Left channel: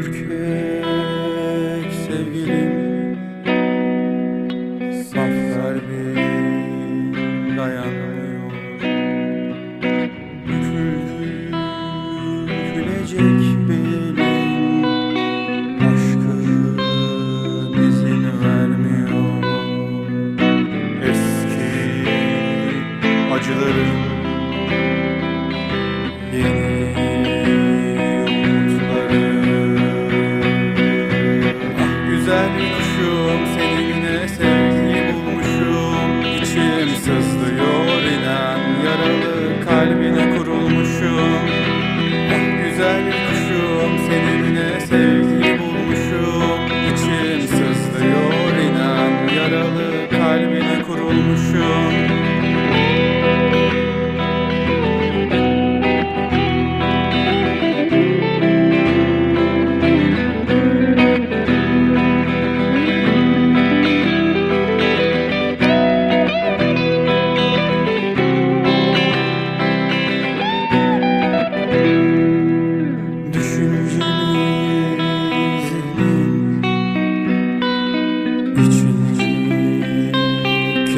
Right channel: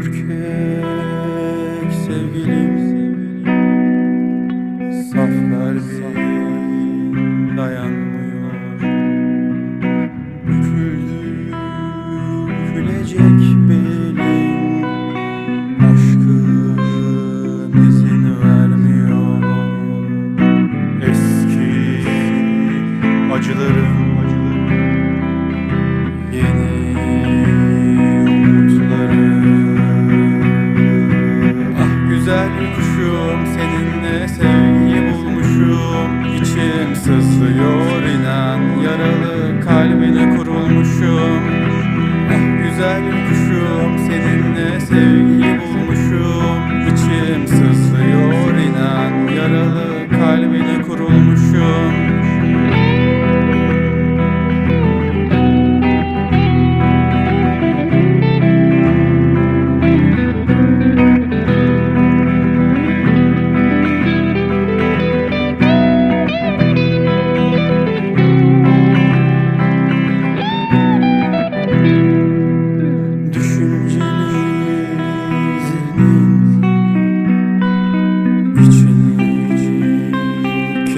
ürkek sevgilim Saf kalbim dayanmıyor. Büküldü, bükülecek belin Aşkın izin vermiyor. Eski acılarım güzel kuşum seninle sevgiyi bulmuşum. İçim sızlıyor inan yaralı kalbine kurulmuşum. Ah güzel kuşum seninle sevgiyi bulmuşum. İçim sızlıyor inan yaralı kalbine kurulmuşum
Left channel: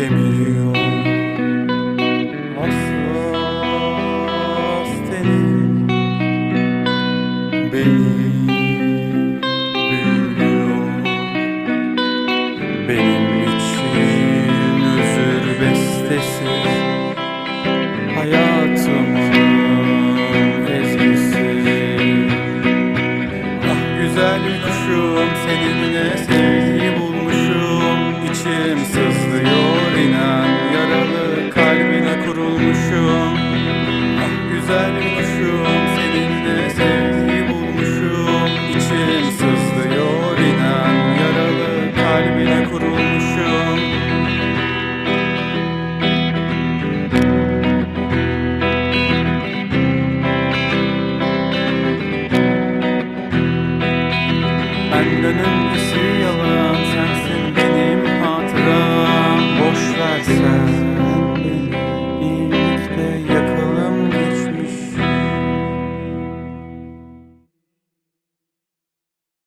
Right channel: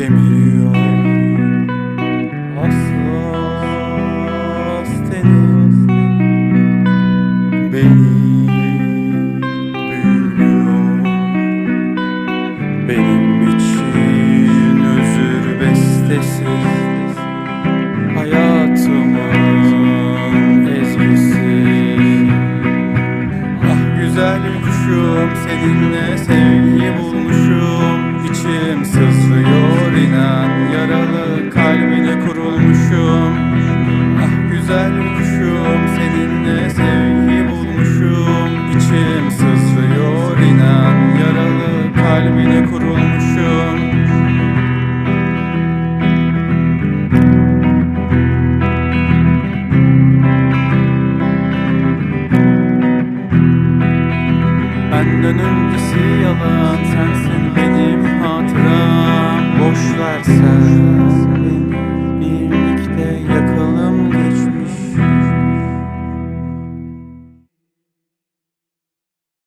kemiriyor Hassas tenin beni büyülüyor. Benim için özür bestesi Hayatımın ezgisi. Ah güzel kuşum seninle sevgiyi bulmuşum İçim sızlıyor inan. Yaralı kalbine kurulmuşum. Ah güzel kuşum seninle sevgiyi bulmuşum. İçim sızlıyor inan. Yaralı kalbine kurulmuşum Benden öncesi yalan sensin benim hatıram. Boş ver sen. Beni birlikte yakalım geçmiş